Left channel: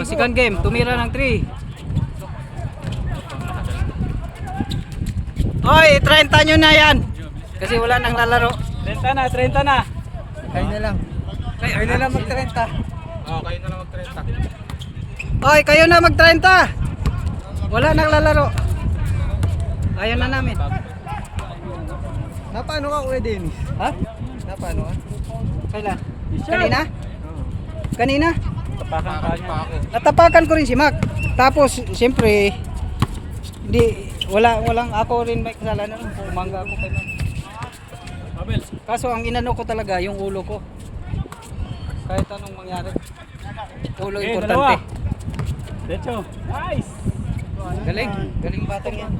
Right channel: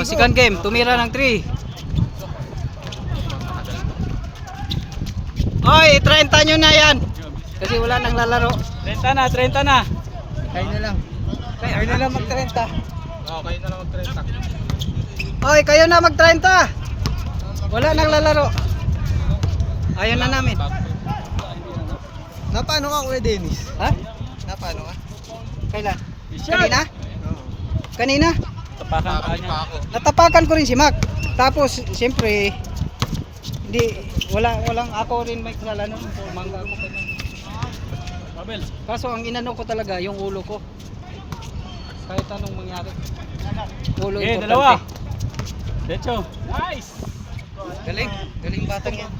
Oh, second game, tumira ng 3. Oy, 30 nyo na yan. Kasi wala nang lalaro. 30 na, 30 na. Kayo na lang. Kayo na lang mag-30. Oo, kayo na lang mag-30. Oy, kayo na mag-30. Wala nang lalaro. Ayaw na namin. Napano ka, Kuya Dennis? Ha? Napano ka? Kailan? Kanina? Kanina? Tapakan pa ako. Natapakan ko rin si Mac. Tapos, siyempre, walang ako rin may kasalanan. Mangga ako kanya. Kaso ang inano ko talaga, yung ulo ko. Kahit anong mangyari. Ulo importante. Decho. Nice. Galing batang yan.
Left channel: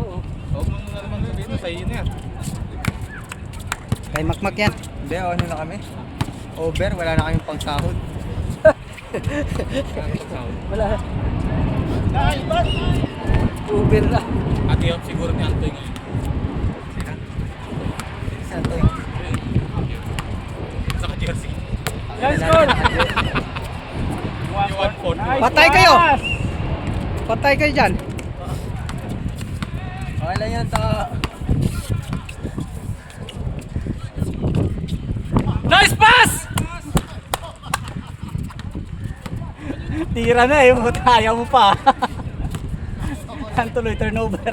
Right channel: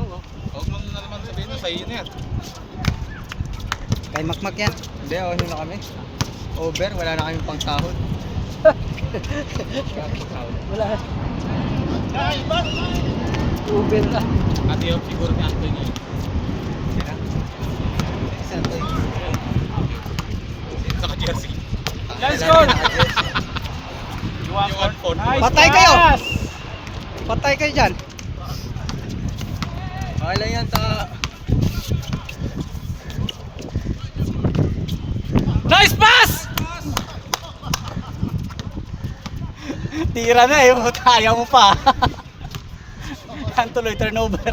Oo. Huwag mo na naman sabihin mo, sa'yo na yan. Kay Makmak yan. Hindi, ano na kami? Over, wala na kaming pangsahod. Wala. Uber na. Ati Hop siguro ni Antoy ngayon. Saka jersey. Let's go! You want phone? Patay kayo! Patay kayo dyan. Okay lang yan, ta. Nice pass! Tira na eh, ayaw mo pa. Ang tuloy turnover.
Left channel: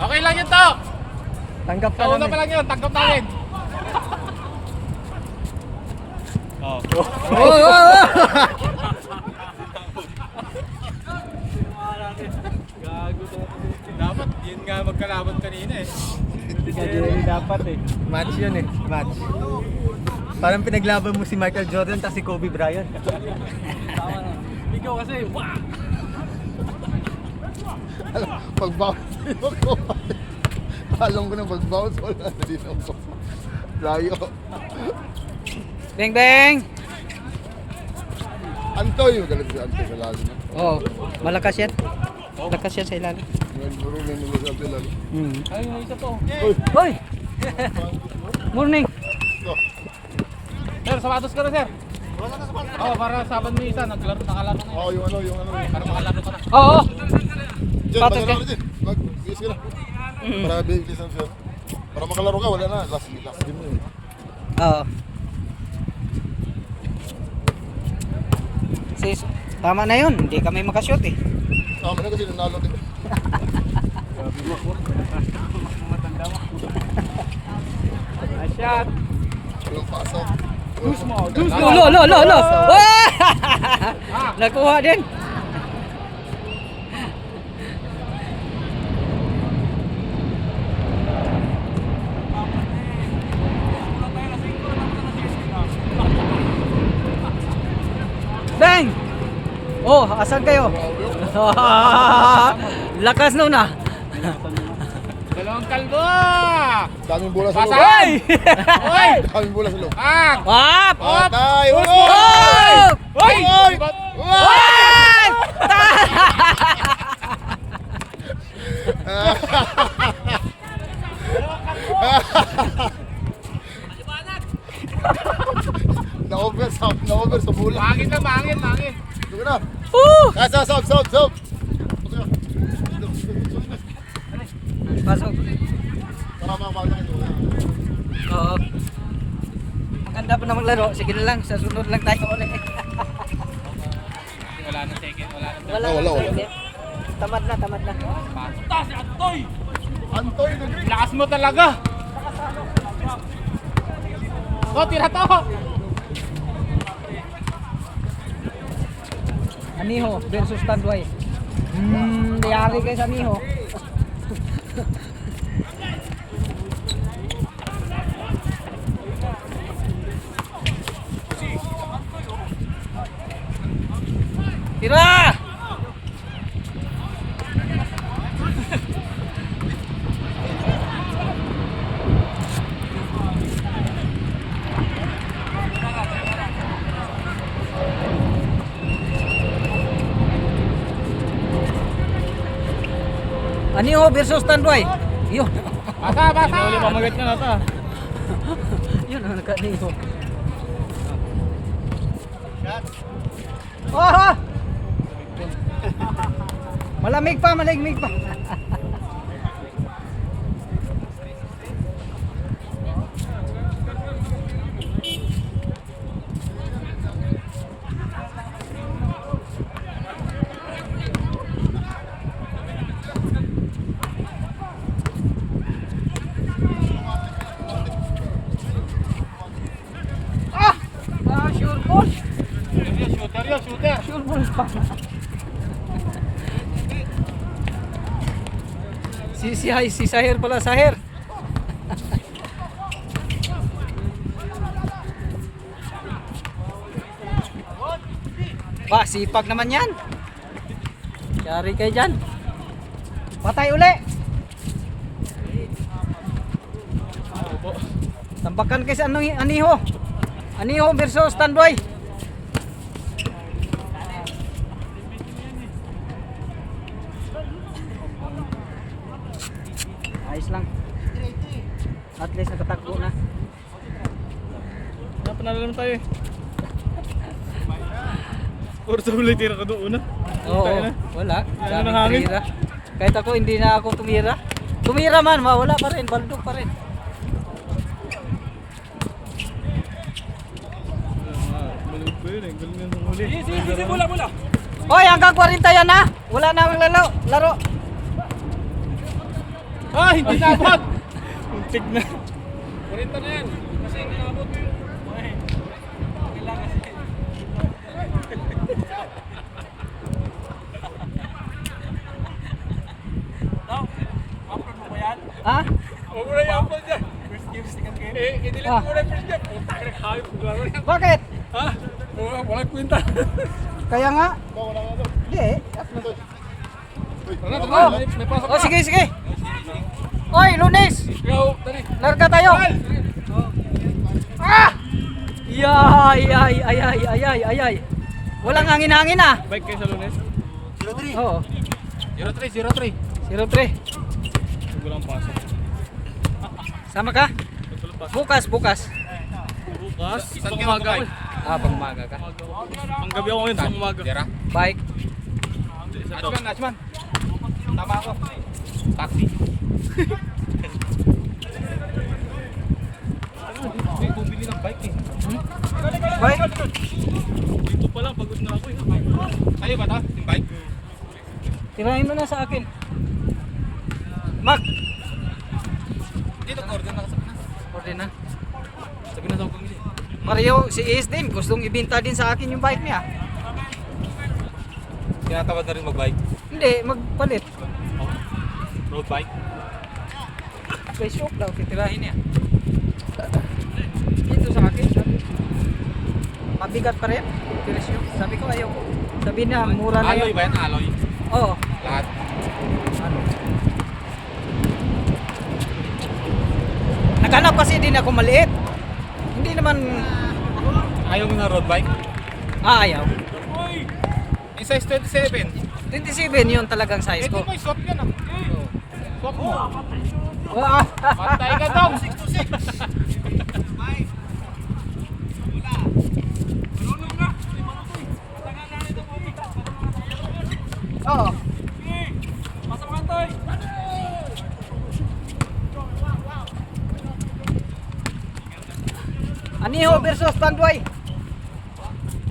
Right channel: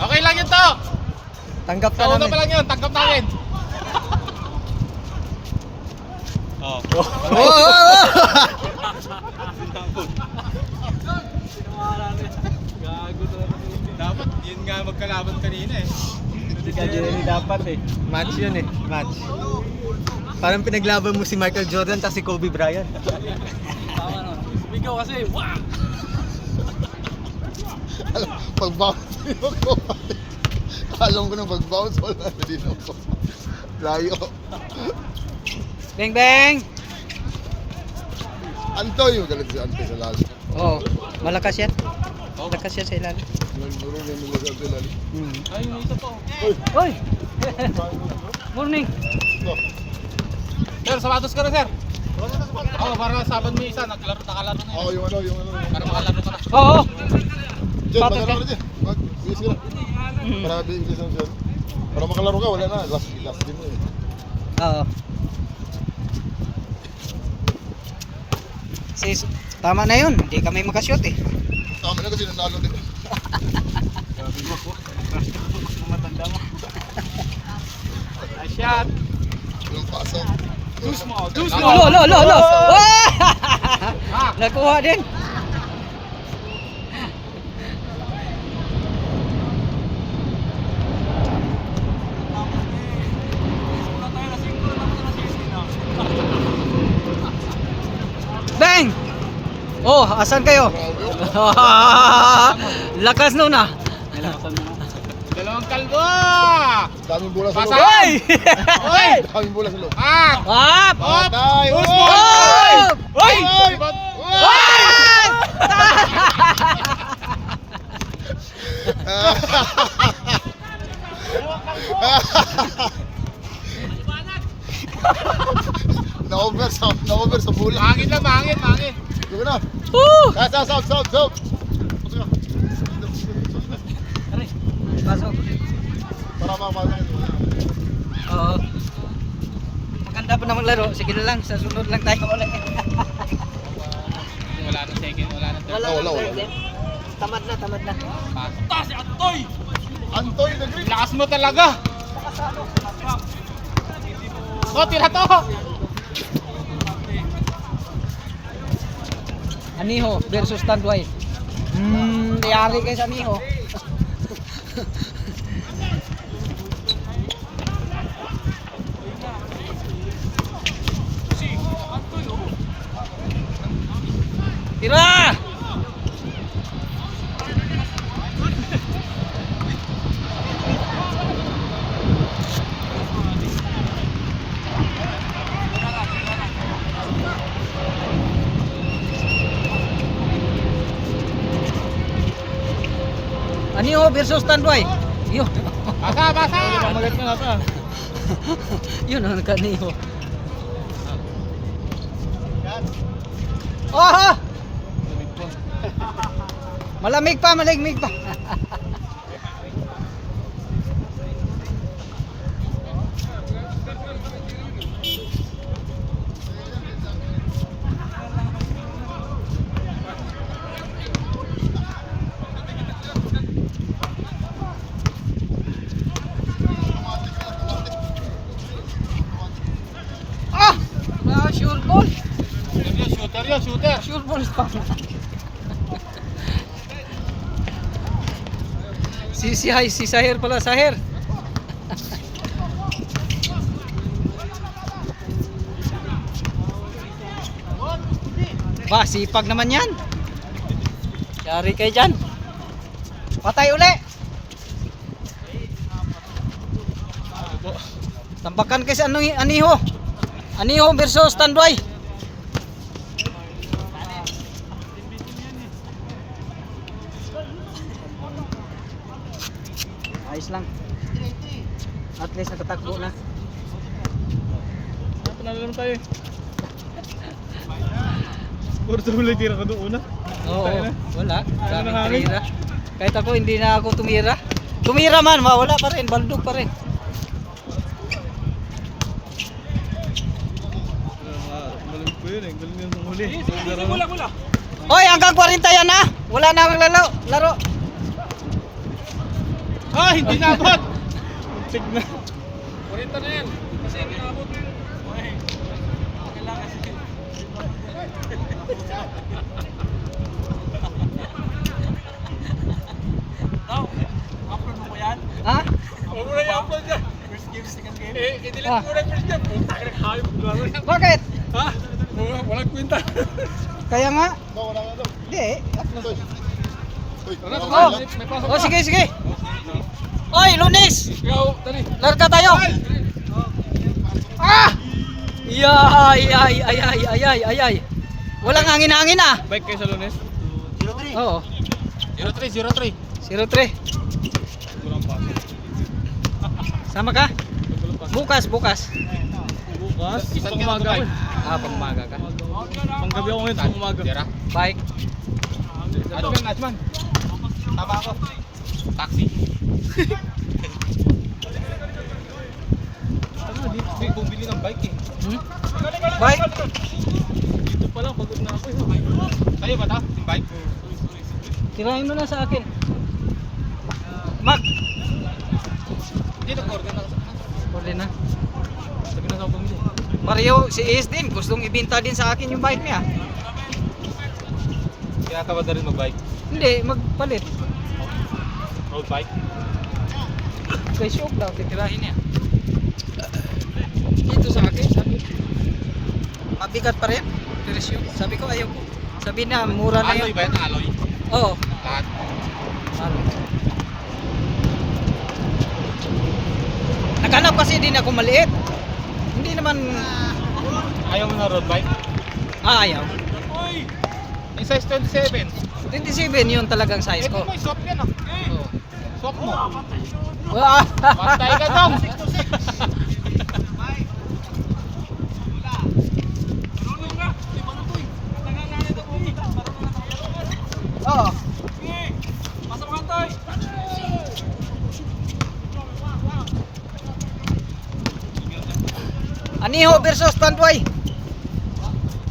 Okay lang yun to! Tanggap ka Sa una namin. pa lang yun, tanggap namin. Oh. Dapat, yun nga magkalaban kanina eh. Kita Jerry dapat eh. Match yun eh, match. Parang pinaglaban mo si Michael Jordan at si Kobe Bryant. Ikaw kasi, Pag-bounce ako. Alam ko na pag-bounce, wala na din ako. Layo. Bang bang! Antoy, magalit si Antoy sa lalim. Oo. Malakas yan. Malakas yan sa ilalim. Yun, puro na nila sa lalim. ay may isa po. Hoy! Morning! Sir, sapatos ka na sir. Oh, para saban mo isa, nakalaro na. Oo, yung ano. Nakalaro ka na. Oo! Diyan, Sapatos magalaro ka. na dyan. Mag-bilis ka na. Para bilis na siya. Para makalaro ka, wala na. Last game na yun. Oo. Sis, tama na yun. Hindi kami makashoot eh. Tama na kasi nanalo din. Nice shot. Walang pasok. Lo! Nakuha din. Bang! Oh, asan kayo? Lakas nun ah. Dalawang kalbo! Daming bola sa Pasay! loob. Oy! Daming bola sa loob. Ah! Hop! Hop! Patay! Push mo! Oy! Oy! Oy! Oy! Na-over sa bola. Mangin lang, mangin. Dugo na. Woo! Sob. Pasok. Para mamawala ka. Oo. Maganda po na maglaro. Sige na lang, sa sunod lang tayo ulit. Wala na second, wala na third. Wala. Tamad na. Punta si Antoy! Antoy, nag-ring. Lakas mo talaga! Oh, tira to! Aniho versus Tanduay. Yari kayo sa Aniho. Tira! Aniho versus Tanduay. Yun. Basa, basa! Pamagat nyo na ito. Yun ang nakaniho. Ah! Malamig pa, malamig pa. Sure ball. Shooter yun, shooter. Sure ball pa. Si Sahir pala, Sahir. Wah, sipag naman yan. Yari kayo dyan. Patay uli. Tambakan kayo sa Aniho. Aniho versus Tanduay. Ayos lang. At least nakatakbo na. Panalo naman tayo eh. Puro sa huli tira ka doon una. Oo, wala. Ano Daming nang hangin? tumira. Kahit ako hindi na ako tumira. Tumira man, wala pa rin, baldog pa rin. Malamig ko yun, ang galing yun sa huli. Mula. Hoy, hanggang 40 yan ha. Wala na ang laro. Ah, hindi nabot! Muntik na. 40 na yan. Kasi hindi nabot. Ha? Huwag mo na i-upload dyan. I-delete Ah. mo na yung first game. Puta ka nakahayop. Laro yan. Bakit? Ha? Walang kwenta. Kaya nga. Hindi eh. Oh, sige. Hoy, Lunes! Yo, dali. Larga tayo! Ah! Ay. Walang hangin-hangin ah. Bike kayo sa Lunes? Oo. 03. 03. Gulang pasok. Sama ka? Bukas. Bukas? Pang umaga ako. Ah, pangmaga ka. Pang gabi ako ngayon sa umaga. Bike. Atman. Tama ako. Taxi. Ano, dito may bumili ng bike eh. Bike? Dito pa lang, pagod na ako eh. Tayo ba ito? Yung bike? Tirahin mo na sa akin. Mac! Dito, coordinate ako sa Order na. Sabi na sa bumili. Mario, si Ace din. Gustong ibinta din sa akin yung bike niya. Tinatawad na rin mag-bike. Hindi, magpalit. Road bike? Kay shop daw, titirahin niya. Dito sa akin, sabi. Mabigat pa rin. Presyo. Sabi ko, ayaw ko. Sabi na, mura na Alloy yun. ba yan? Alloy? Oo. Lahat? Naghanap kasi din ako maliit. Hindi naman Ayaw mo na road bike? ayaw. Yung size 27. 27 yun talagang size ko. May swap yan ah. Swap mo. Ah, Pantay ka daw. 6 to 6. Oo. Pasok mo Antoy. Aniho versus Tanduay.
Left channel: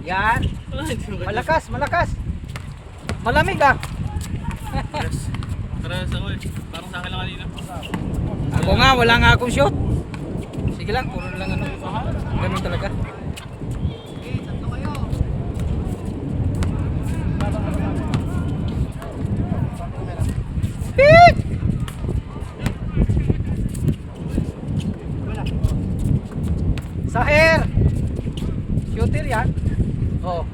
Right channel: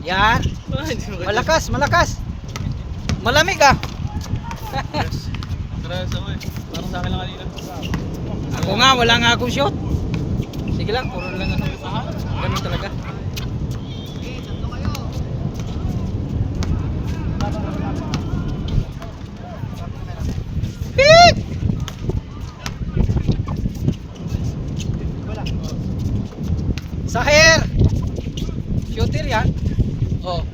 Yan. Malakas. Malamig ah. Parehas ako eh. Parang sa akin lang kanina. Ako nga, wala nga akong shot. Sige lang, puro lang ano. Ganun talaga. Pik! Sahir! Shooter yan. Oh.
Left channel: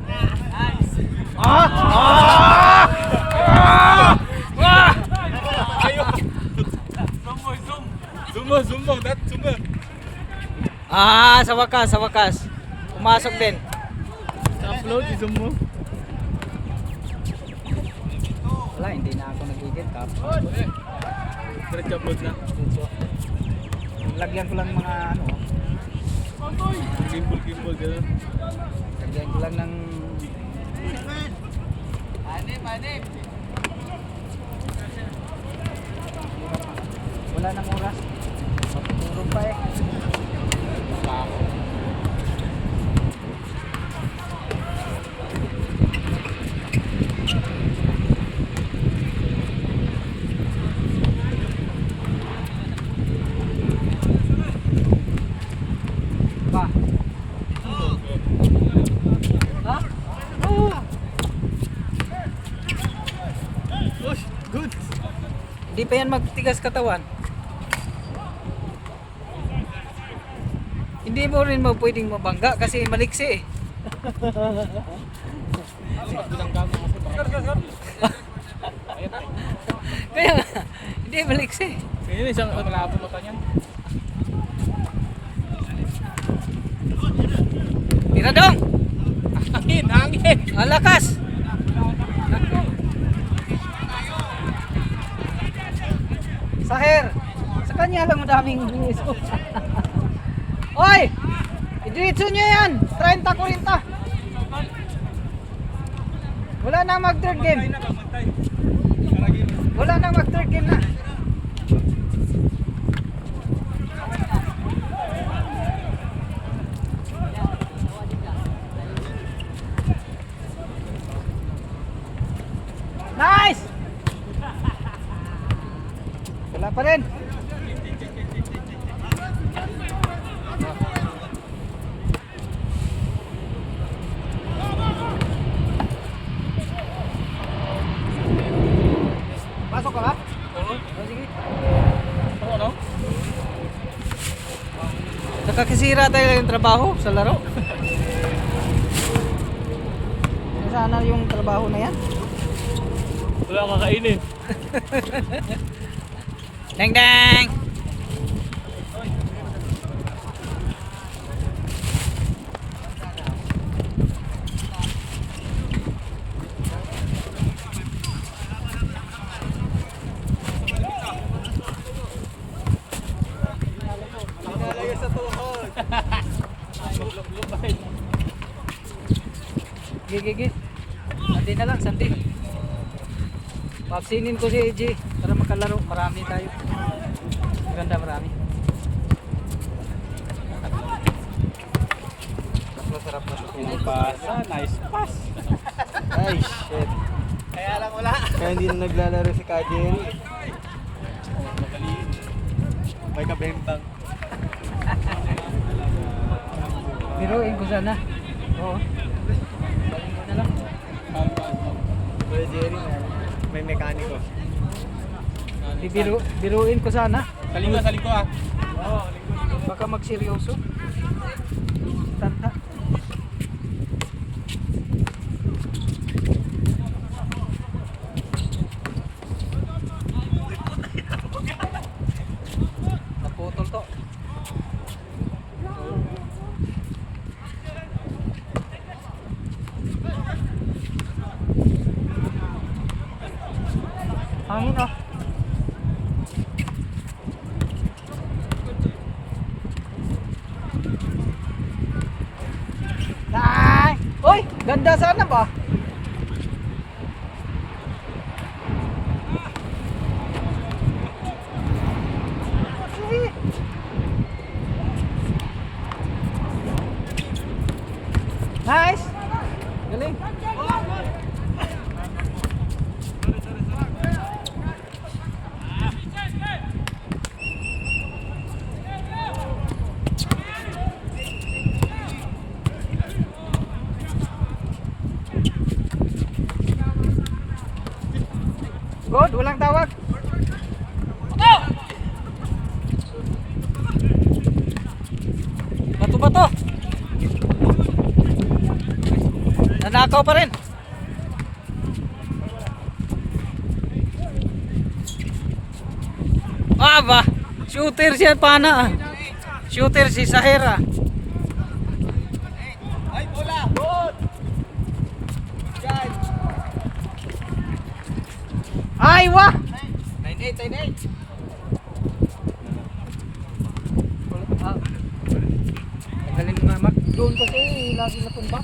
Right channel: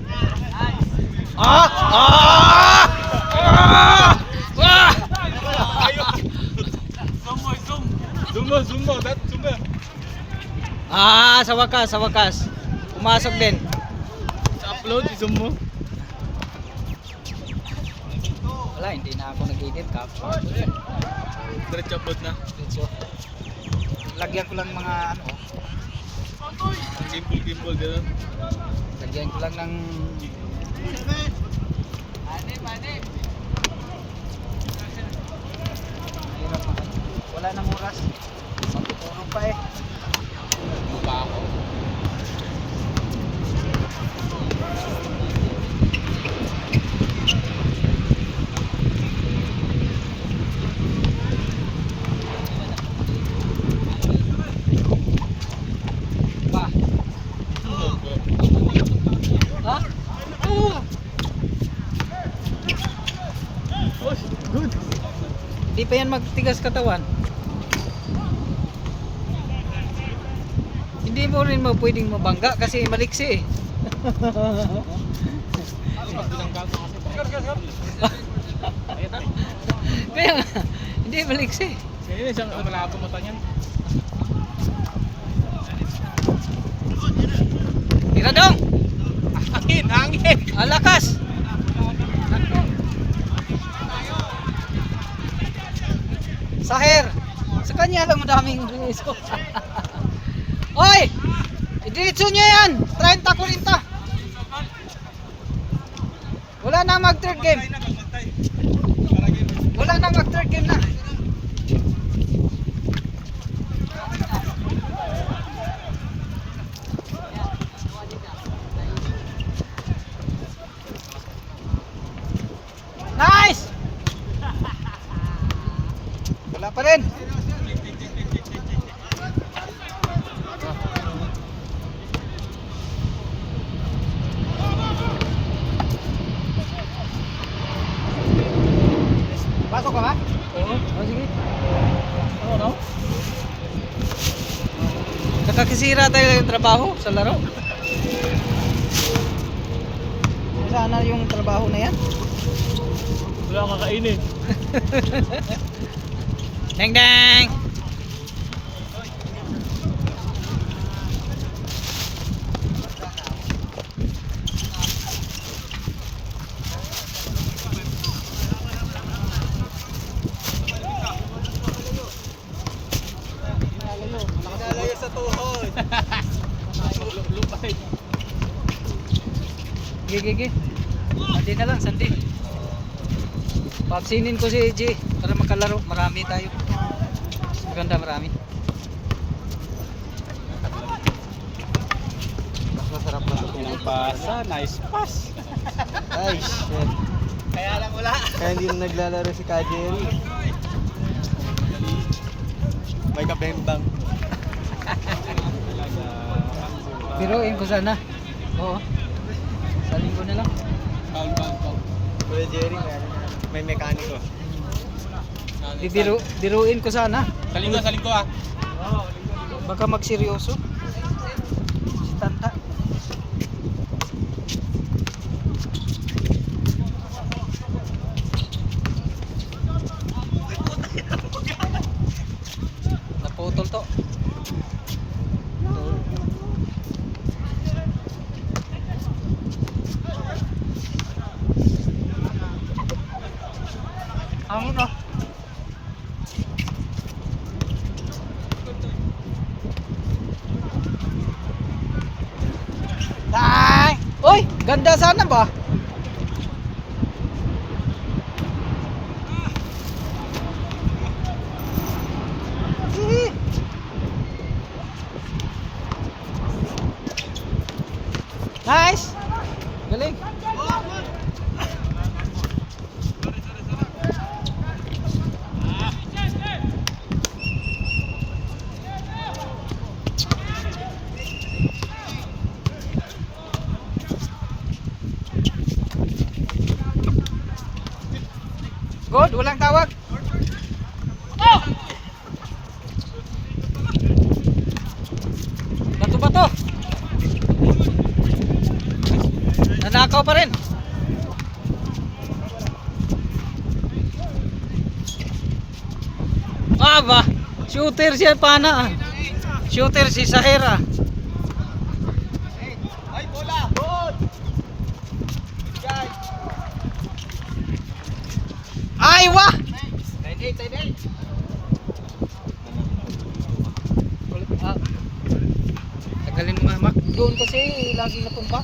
Ah! Ah! Ah! Ah! Zoom mo. Ah, sa wakas. Pumasok din. Sa upload, i-zoom mo. Wala, hindi na ako nag-edit. Kapwa. Diretso upload na. Diretso. Lagyan ko lang ng mga ano. Gimbal, gano'n. Lagyan ko lang ng hirap. Wala nang oras. Puro pa eh. Pa. Ha? Oh. Good. Hindi pa yan magtigas katawan. Hindi mo rin pwedeng mabangga kasi maliksi eh. Pag binangga mo kasi baka ayat eh. Kaya nga, hindi maliksi. Ngayon isang malabo mata niyan. Tira dong! Hangin! Ang lakas! Sahir! Sa kanya lang madaming riso. Oy! Idiretso niya yan! 30-40! Wala nang mag third game. Wala nang mag third game na. Nice! Wala pa rin. Pasok ka ba? Oo. Oh, sige. Ano? Nakakasira tayo yung trabaho sa laro. Sana yung trabaho na yan. Wala akong kakainin. Dang dang! Gigi. Sandi na lang, sandi. Paksinin ko si G para makalaro. Marami tayo. Maganda, marami. Mas masarap na sa tulog. Pasa, nice pass. Ay, shit. Kaya lang wala. Kaya hindi na naglalaro si Kajeri. May kabembang. Biruin ko sana. Oo. Sa linggo na lang. Kuya Jerry, may mekaniko. Biruin ko sana. Sa linggo ah. Baka magseryoso. Tanda. Naputol to. Hangin oh. Ay! Uy! Ganda sana ba? Sige. Nice! Galing! Good, walang tawag. Bato-bato. Nanakaw pa rin. Ah ba? Shooter siya pana. Shooter si Sahera. Ay, wah! 98. doon kasi lagi napunta.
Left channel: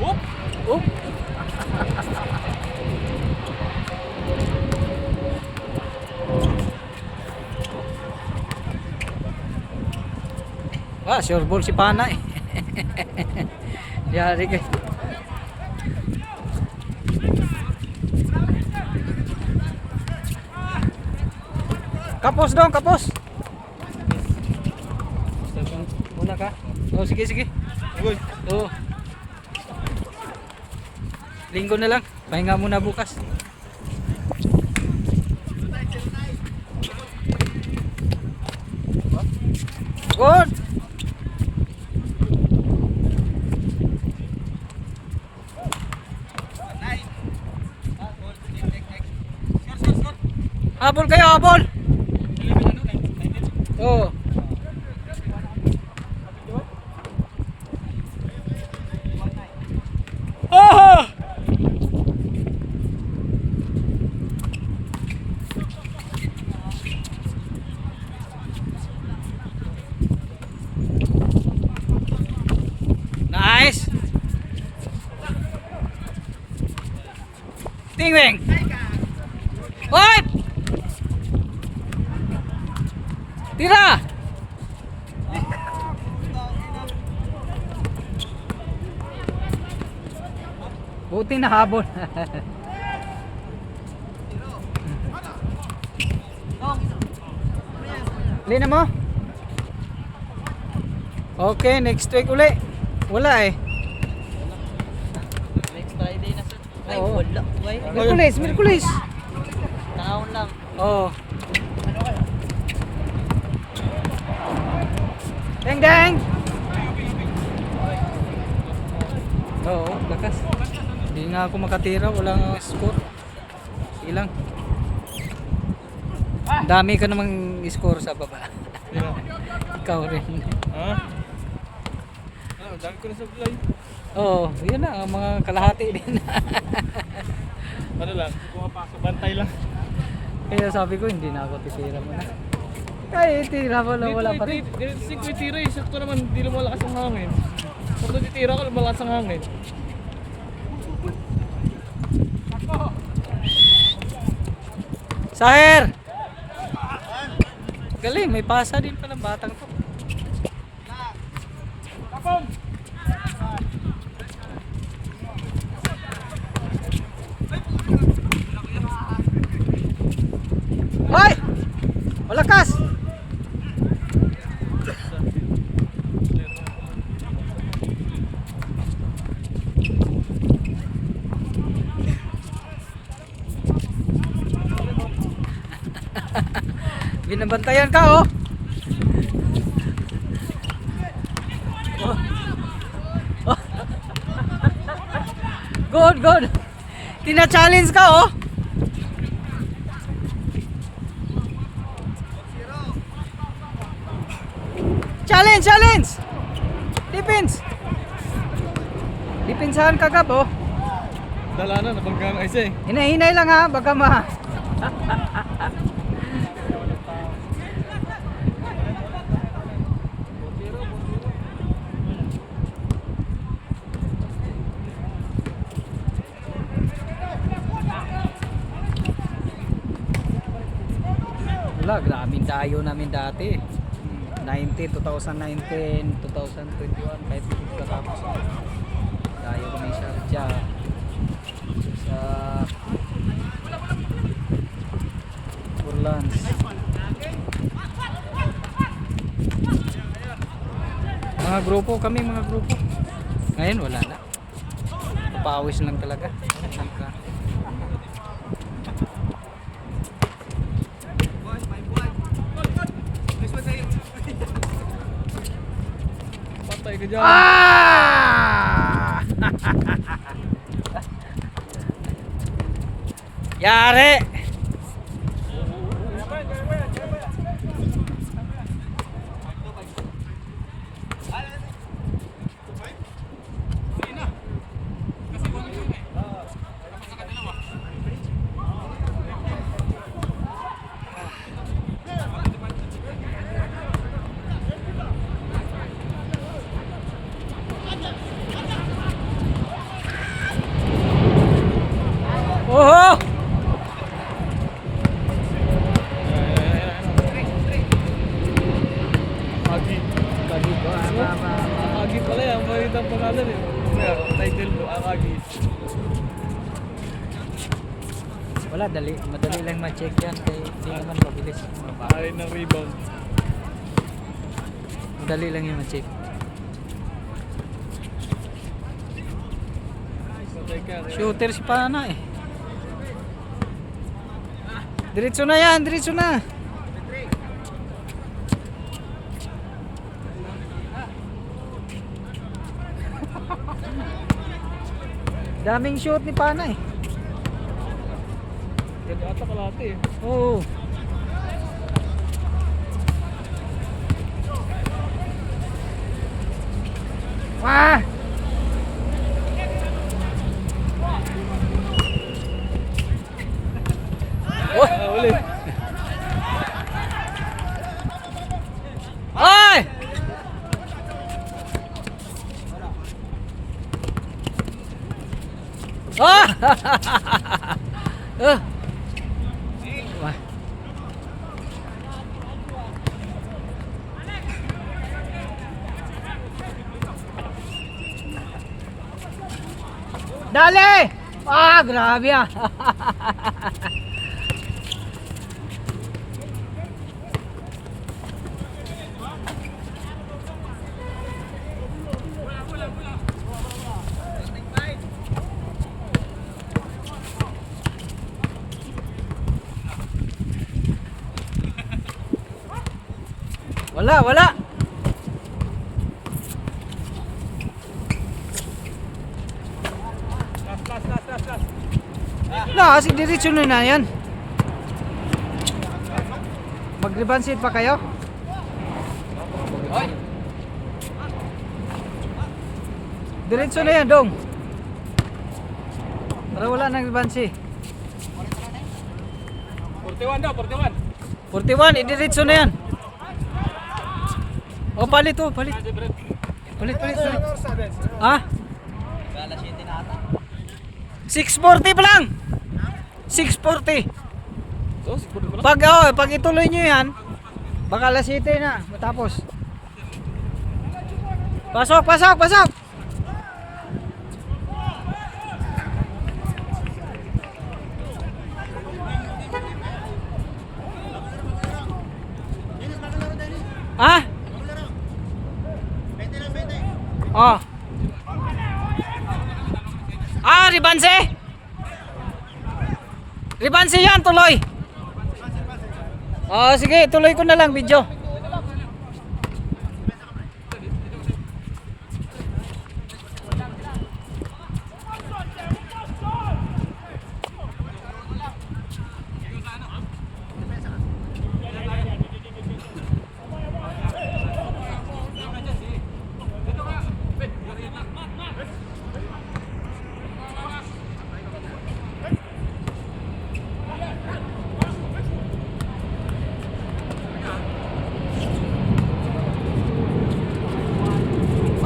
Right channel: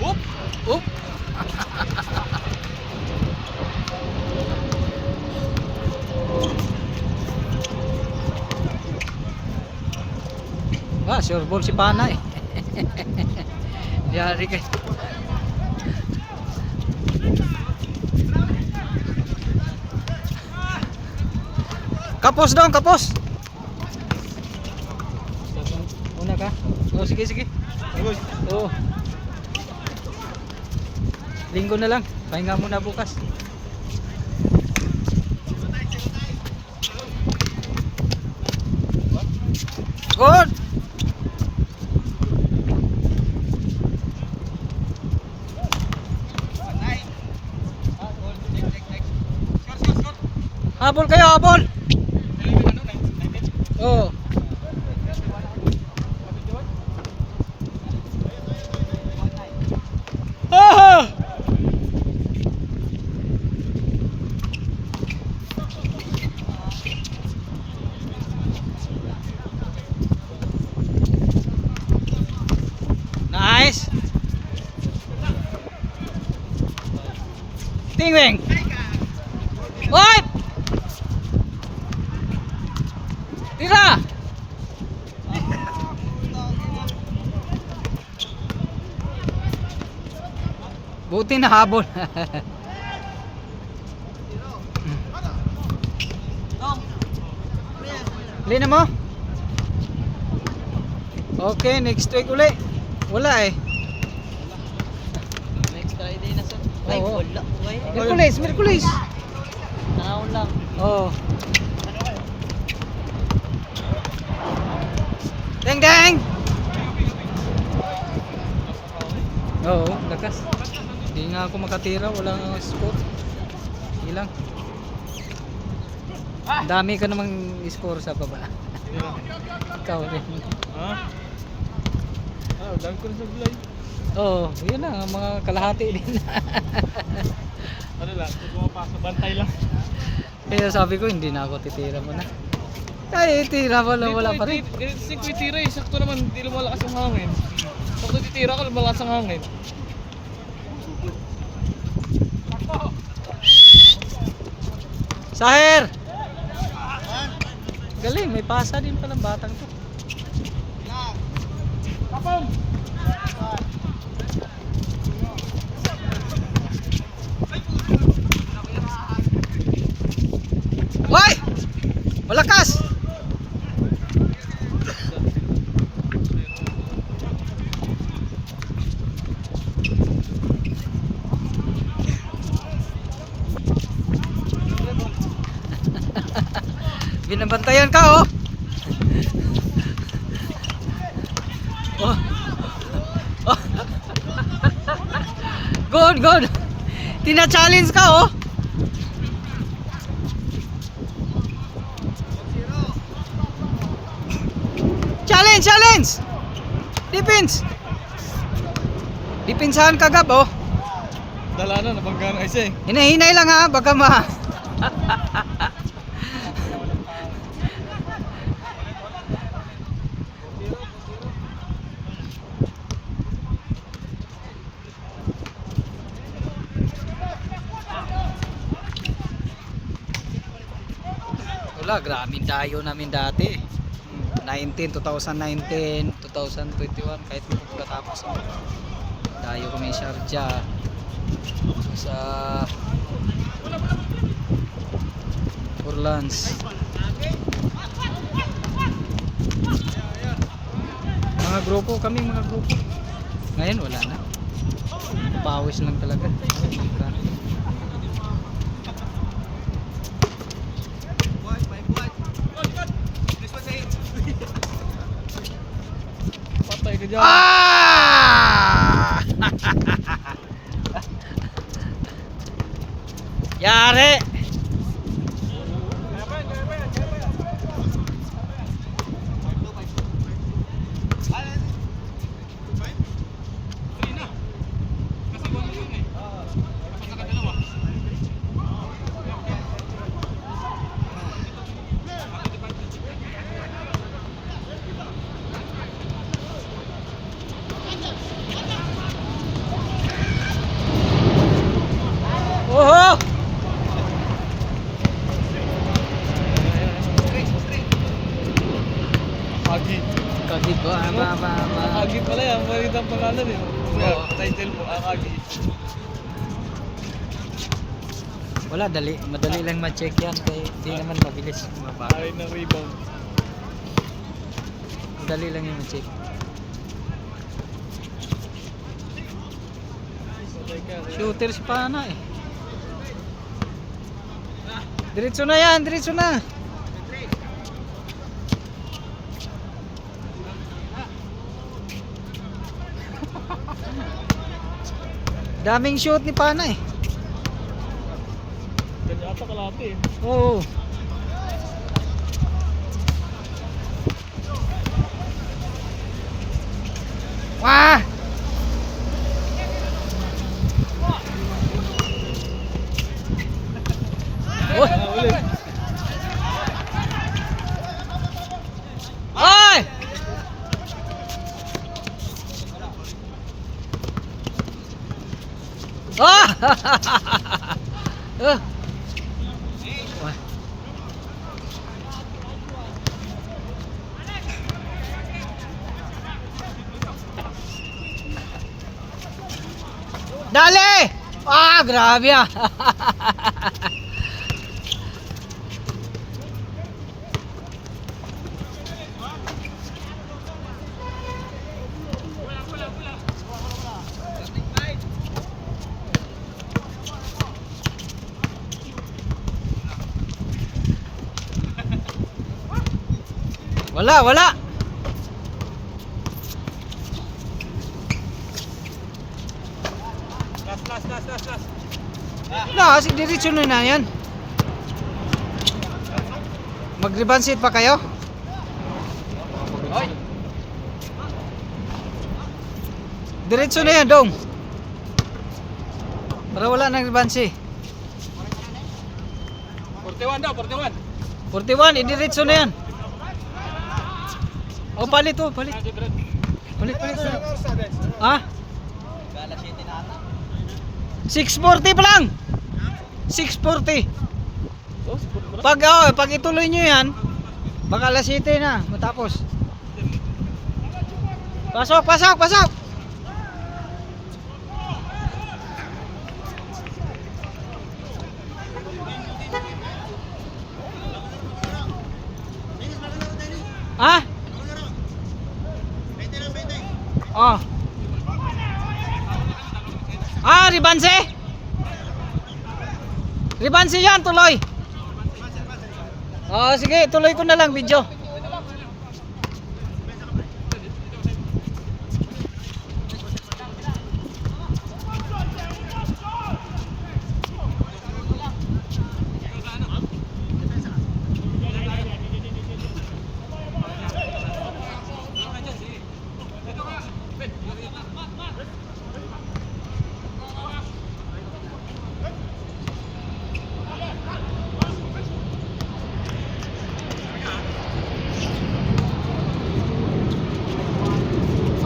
Oop! Oop! Sure ball si Pana eh. Yari kay. Kapos dong, kapos. Wala ka? Oh, sige, sige. Oo. Linggo na lang. Pahinga muna bukas. Good! Habol kayo, habol! Oo. Oh! Nice! Tingwing! Oy! Tira! Buti na habol. Uli na mo? Okay, next week uli. Wala eh. Next Friday na sir. Ay, wala. Merkulis, Merkulis. Araw lang. Oo. Deng deng. Oo, lakas. Hindi nga ako makatira, walang score. Ilang. Dami ka namang score sa baba. Ikaw rin. Ha? Ano, dami ko na sa vlog. Oo, yun na, mga kalahati din. Ano lang, pumapasok, bantay lang. Kaya sabi ko, hindi na ako titira mo na. Ay, tira mo lang, wala pa rin. Ganito titira eh. Sakto naman. Hindi lumalakas ang hangin. Sakto titira ko lumalakas ang hangin. Saher! Galing, may pasa din palang batang to. Kapam! Hoy! Malakas! Binabantayan ka oh! Oh. Oh. Good, good! Tina-challenge ka oh! Challenge, challenge! Defense! Depensahan ka gab oh! Dala na, nabangga na isa eh. Hinay-hinay lang ha, baka ma... Wala, grabing dayo namin dati. 2019, 2021, kahit hindi ko tapos. Dayo kami sa Sharjah. Sa Orlands. Mga grupo kami, mga grupo. Ngayon wala na. Pawis lang talaga. Patay ka dyan. Ah! Yari! Oho! Akagi. Kagi ba? Akagi pala yan. Malit ang pangalan eh. Title mo, Akagi. Wala, madali lang ma-check yan. Kaya hindi naman mabilis. Ay na rebound. Madali lang yung ma-check. Shooter si Pana eh. Diretso na yan, diretso na. Daming shoot ni Pana eh. Ganyan ata kalate eh. Oo. Ah! Oh! Ulit. Ay! Ah! Oh! Wah. Dali! Ah, grabe ah. Wala, wala. Kasi diretso na yan. Mag-rebound set pa kayo? Diretso na yan, dong. Para wala nang rebound set. 41 daw, 41. 41, idiretso na yan. Oh, palit oh, palit. Palit. Ha? 640 pa lang. 640. Pag ituloy nyo yan, baka alas 7 na matapos. Pasok. Ha? Oh. Ribanse? Ribanse yan, tuloy. Oh, sige, tuloy ko na lang video.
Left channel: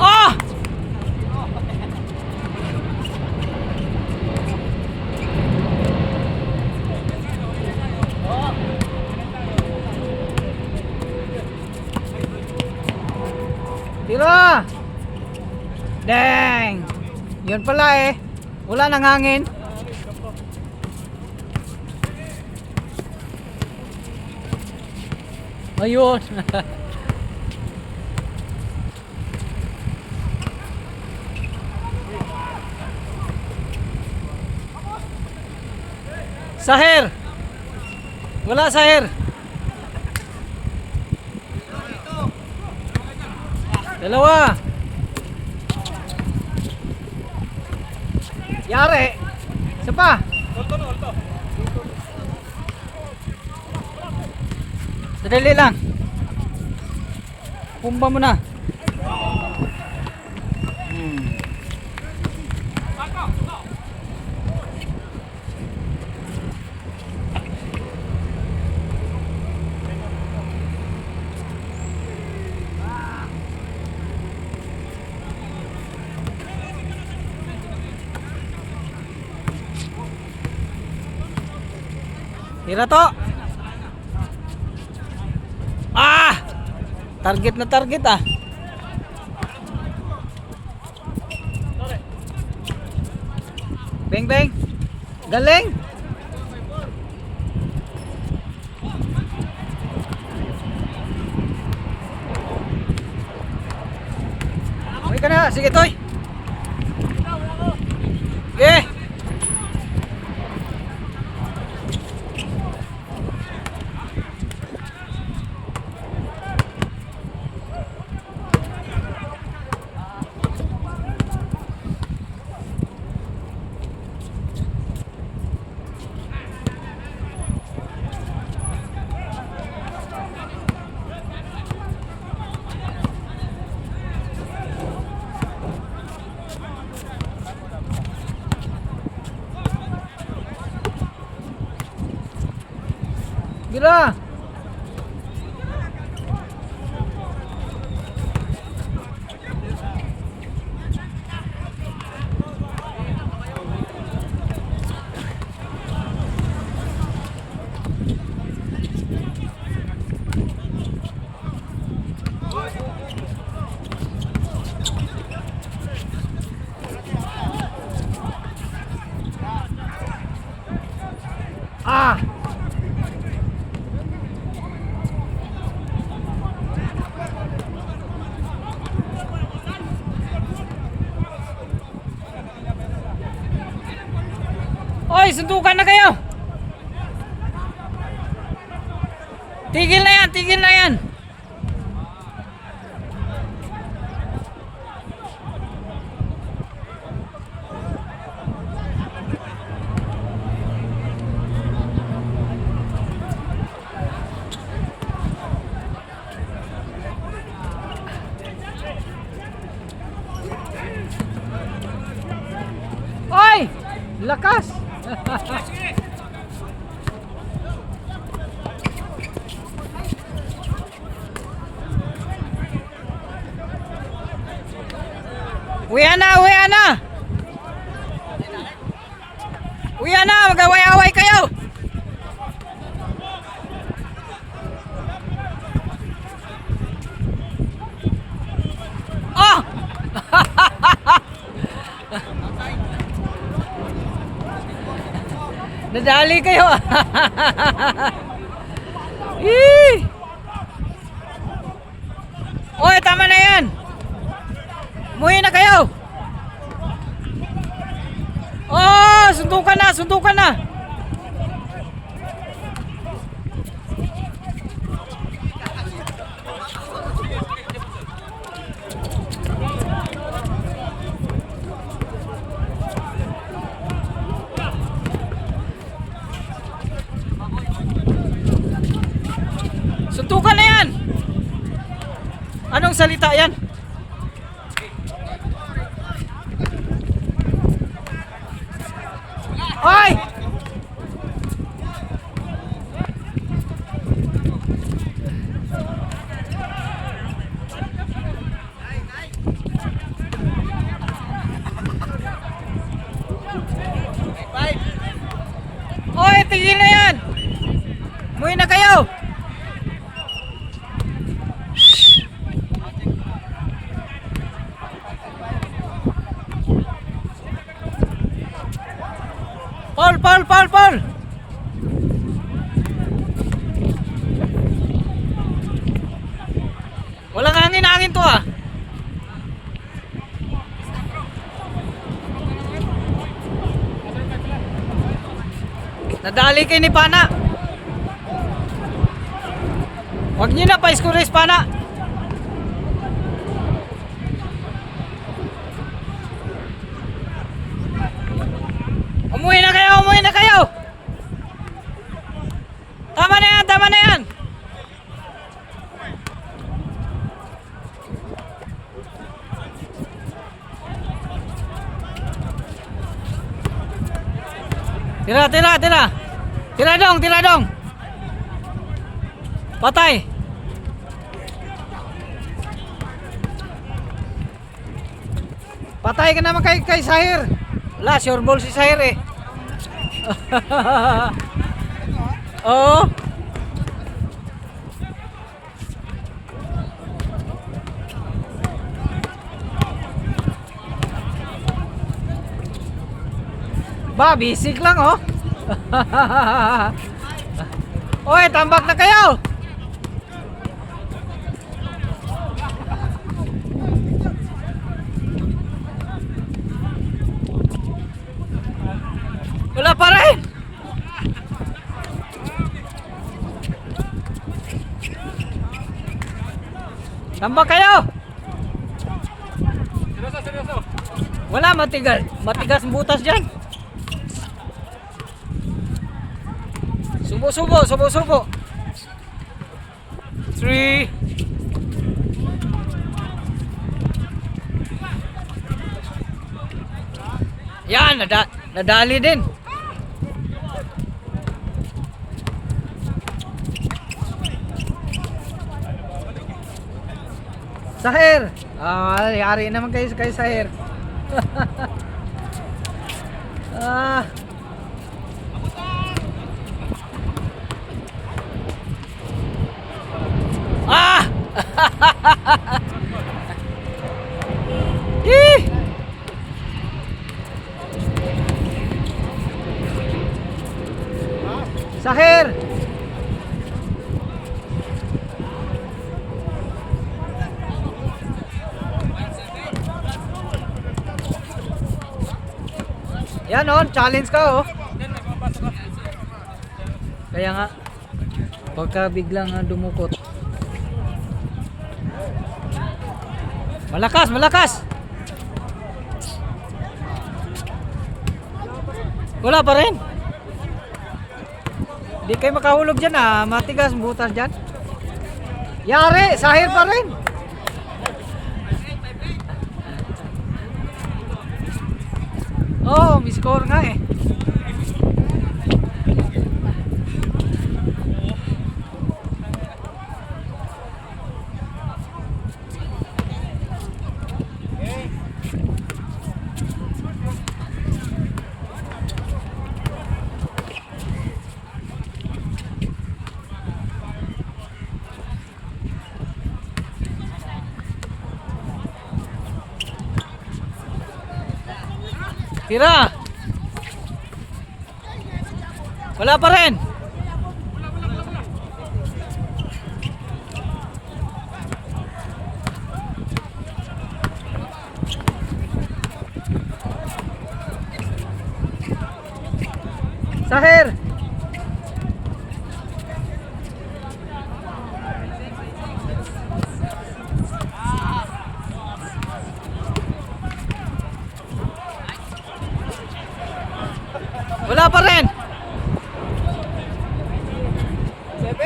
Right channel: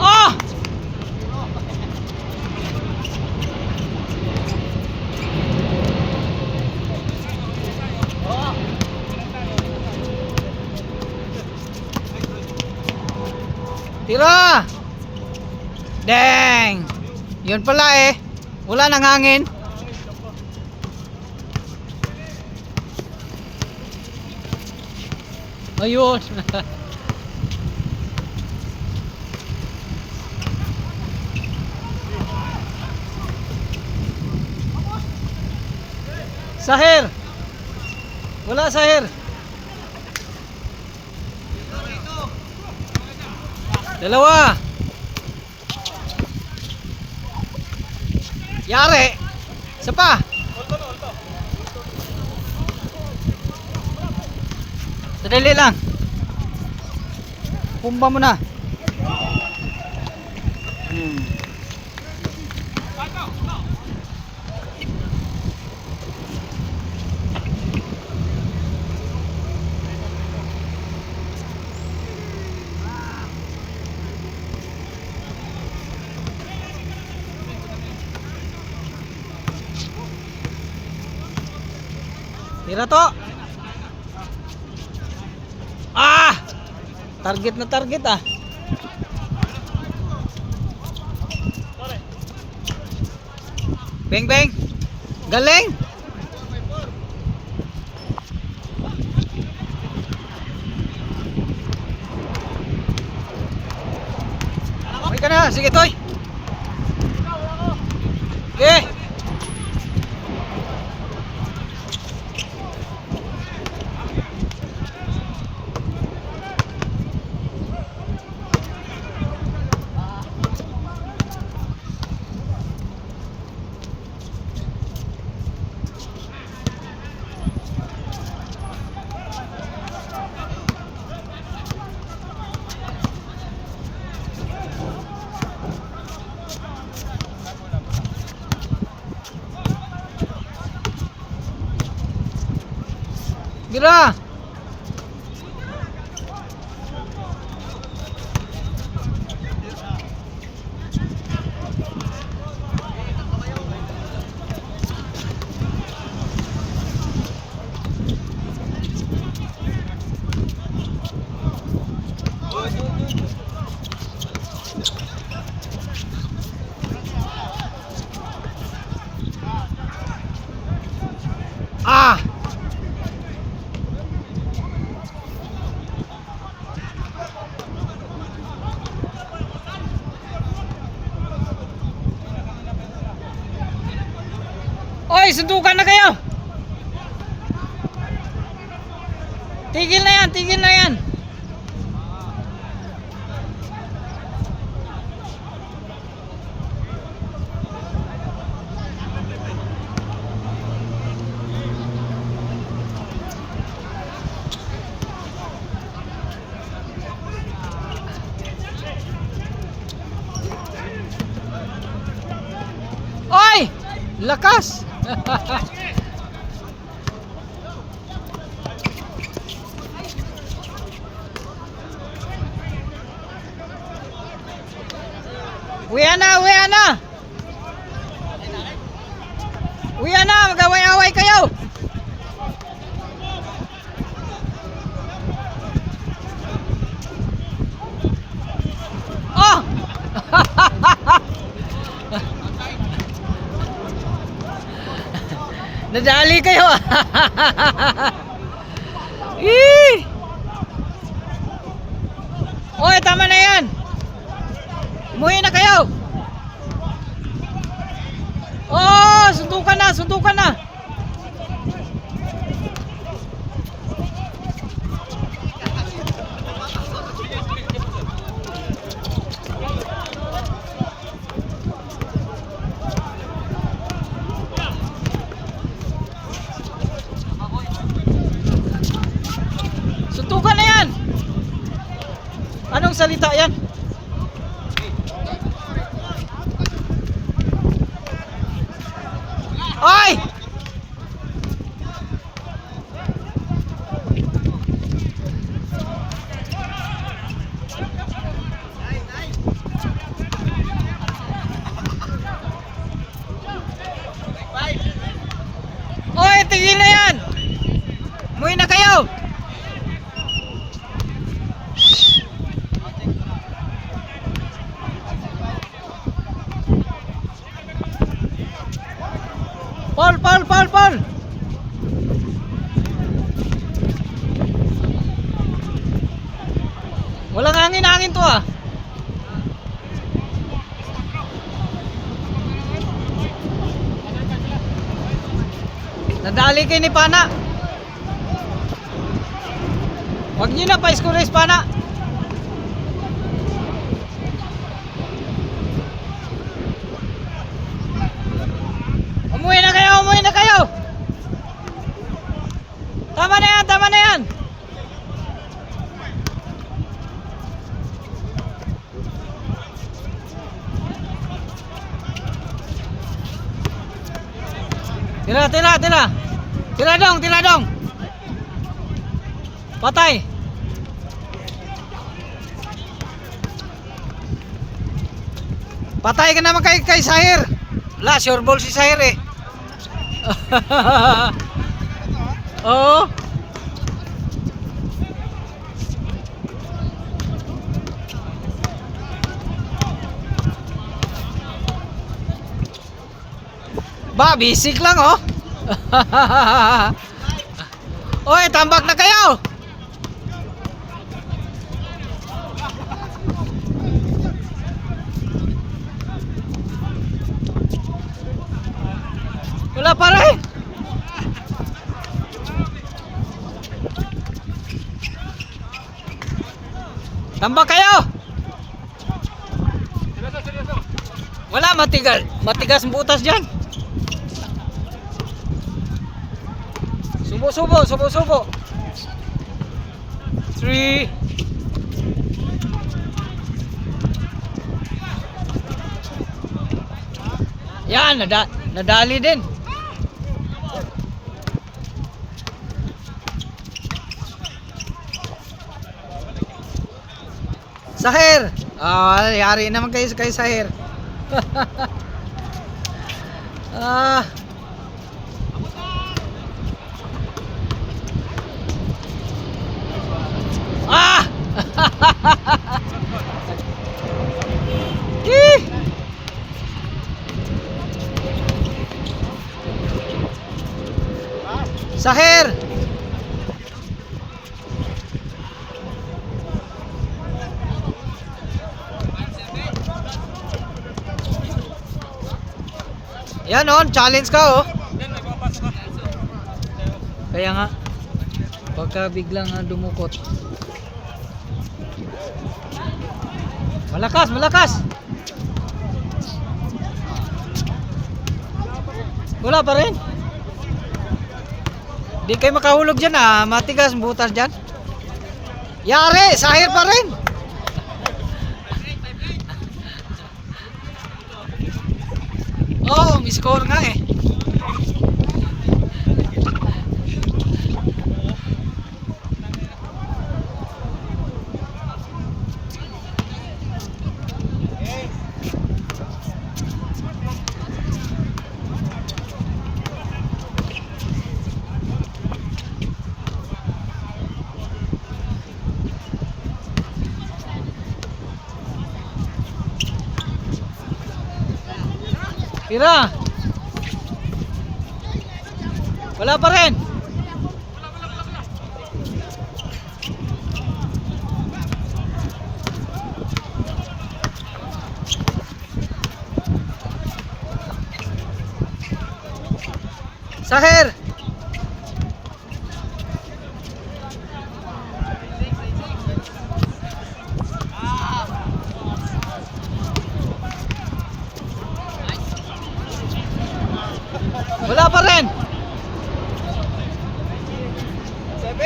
Oh! Tira! Dang! Yun pala eh. Wala nang hangin. Ayun. Sahir. Wala Sahir. Dalawa. Yari. Isa pa. Sadali lang. Pumba mo na. Tira to. Ah! Target na target ah. Beng beng. Galing. Okay ka na, sige toy. Eh. Gira. Ah! Oy, sundukan na kayo. Tigil na yan, tigil na yan. Oy, lakas. Uwian na, uwian na. Uwian na, mag-away-away kayo. Oh! Nadali kayo. Yee! Oy, tama na yan. Umuwi na kayo. Oh, sundukan na, sundukan na. Suntukan na yan. Anong salita yan? Ay! Oy, tingin na yan. Umuwi na kayo. Paul! Walang hangin to ah. Nadali kayo ni Pana. Huwag nyo na pa-squeeze Pana. Tira, tira, tira. Tira dong, tira dong. Patay. Patay ka naman kay Sahir. Wala, sure ball si Sahir eh. Oo. Ba, bisik lang oh. Oy, tambak na kayo. Wala pa rin. Tambak kayo. Wala, matigas. Matigas ang butas dyan. Subo, subo, subo, subo. 3. Yan, nadali din. Sahir. Yari naman kayo kay Sahir. Ah. Ah! Ih! Sahir! Yan on, challenge ka oh. Kaya nga, pagka biglang dumukot. Malakas, malakas. Wala pa rin. Di kayo makahulog dyan ah, matigas ang butas dyan. Yari, Sahir pa rin. Oh, may score nga eh. Tira. Wala pa rin. Sahir. Wala pa rin. 7.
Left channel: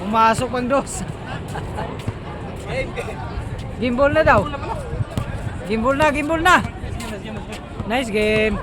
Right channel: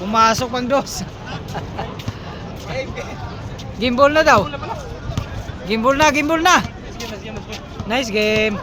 Pumasok pang dos. Gimbal na daw. Gimbal na, gimbal na. Nice game.